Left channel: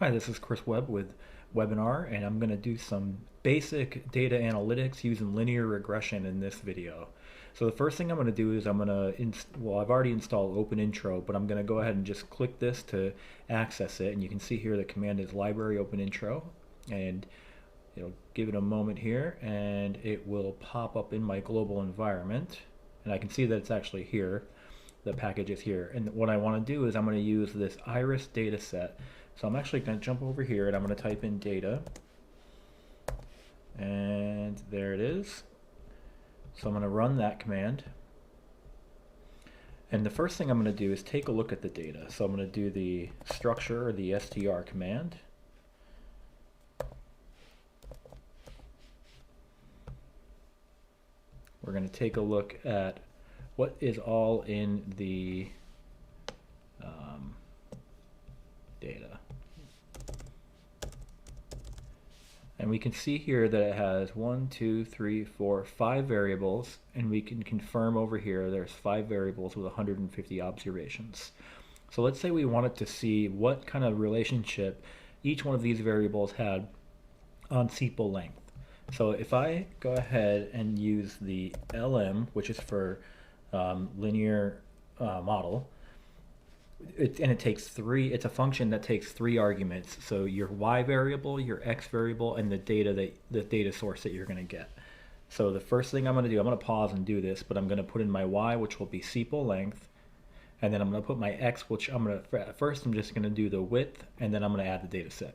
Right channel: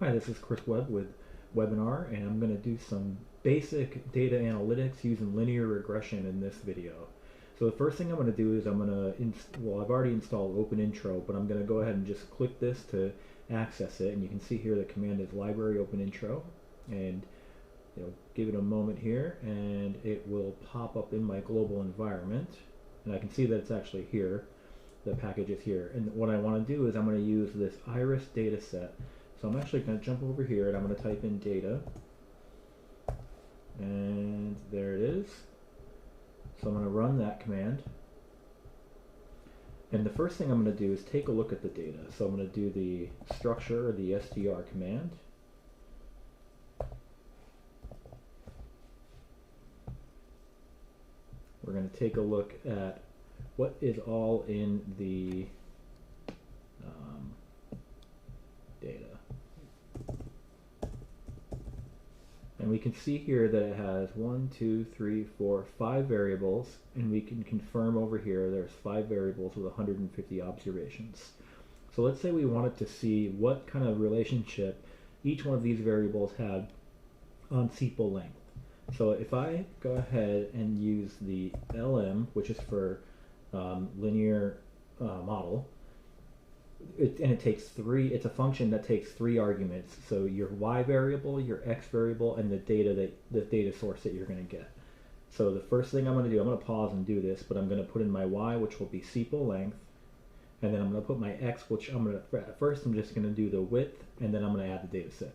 Hi, this is Chris Webb with WebbinR, and I'm going to do some basic data analytics using linear regression in this video. So the first thing I'm going to do is I'm going to, I've already installed OpenIntro, but I'm going to go ahead and just click this to access it. And you can see here the command is library OpenIntro, and it'll give it a moment here, and it will pop up in my global environment. And I can see that it's actually here. The package is here. And what I want to do is I'm going to use this iris data set. So I'm actually going to jump over here and I'm going to type in data, and there it is. So I'm going to run that command, and the first thing I'm going to do is take a look at the data. So I'm going to do the structure, or the str command. We're going to take a look at what is all in the data. And we can see here that it has 1, 2, 3, 4, 5 variables, and we can confirm over here there's 5 variables with 150 observations. So let's say we wanted to see what kind of relationship each one of these variables had on sepal length. So if I go ahead and use the LM, which is for linear model, it takes it's a function that takes 3 arguments. So your y variable, your x variable, and the data source that you're going to get. So the first thing I'm going to do, I'm going to pause and do this, but I'm going to put in my y, which will be sepal length, and then I'm going to put my x, which I'm just going to do the width, and then I'm going to add the data set.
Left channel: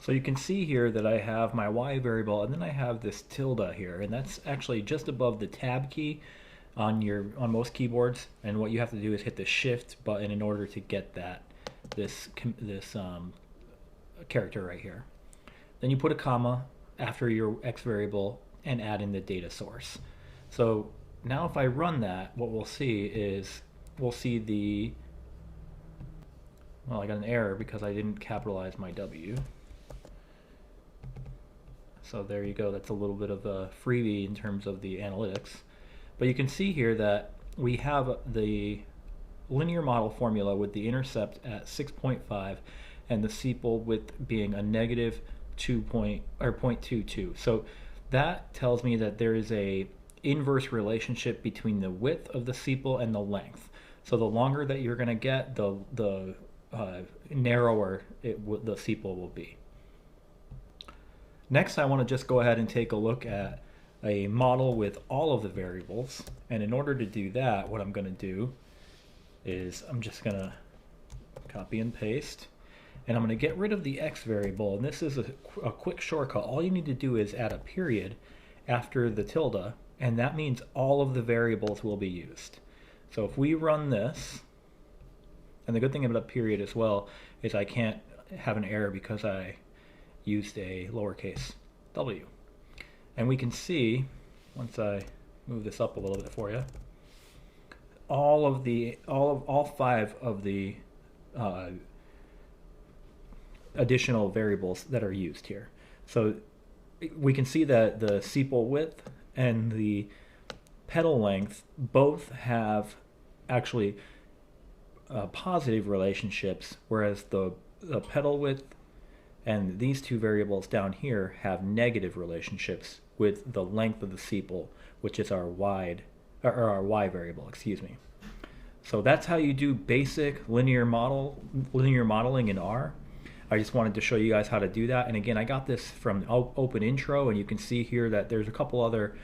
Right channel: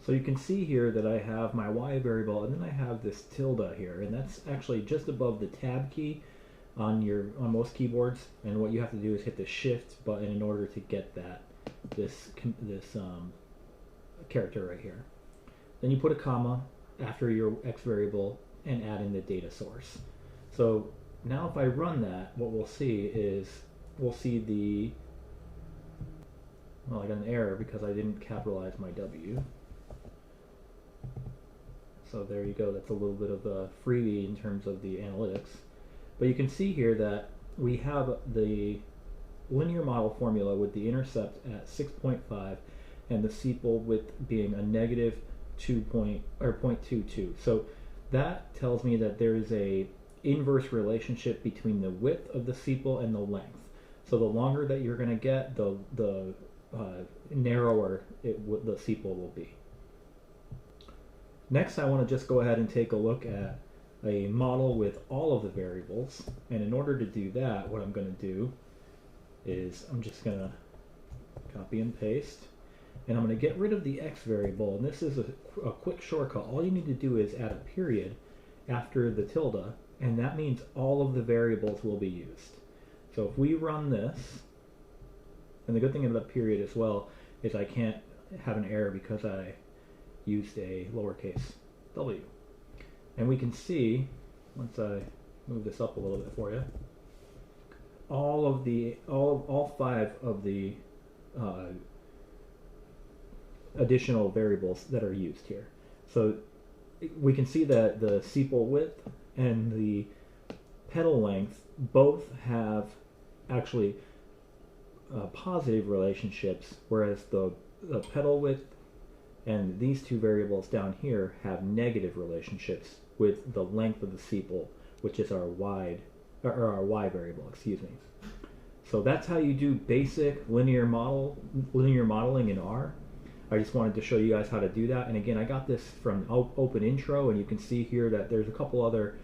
So you can see here that I have my y variable, and then I have this tilde here, and that's actually just above the tab key on most keyboards, and what you have to do is hit the shift button in order to get this character right here. Then you put a comma after your x variable and add in the data source. So now if I run that, what we'll see is I got an error because I didn't capitalize my W. So there you go, that's a little bit of a freebie in terms of the analytics. But you can see here that we have the linear model formula with the intercept at 6.5 and the sepal width being a negative 0.22. So that tells me that there is a inverse relationship between the width of the sepal and the length. So the longer that you're going to get, the narrower the sepal will be. Next, I want to just go ahead and take a look at a model with all of the variables, and in order to do that, what I'm going to do is I'm just going to copy and paste, and I'm going to get rid of the x variable, and this is a quick shortcut. All you need to do is add a period after the tilde, and that means all of the variables will be used. So if we run this, and the good thing about a period as well is I can't have an error because I used a lowercase w. And we can see, once I move this up a little bit for you, all 5 of the additional variables that are used here. So we can see that the sepal width and the petal length both have actually positive relationships, whereas the petal width and these 2 variables down here have negative relationships with the length of the sepal, which is our y variable, excuse me. So that's how you do basic linear modeling in R. I just wanted to show you guys how to do that. And again, I got this from OpenIntro, and you can see here that there's a couple other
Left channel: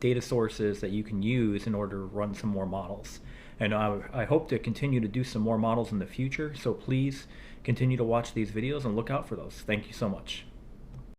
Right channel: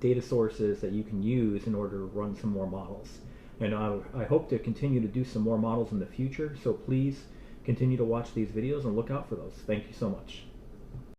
data sources that you can use in order to run some more models. And I hope to continue to do some more models in the future, so please continue to watch these videos and look out for those. Thank you so much.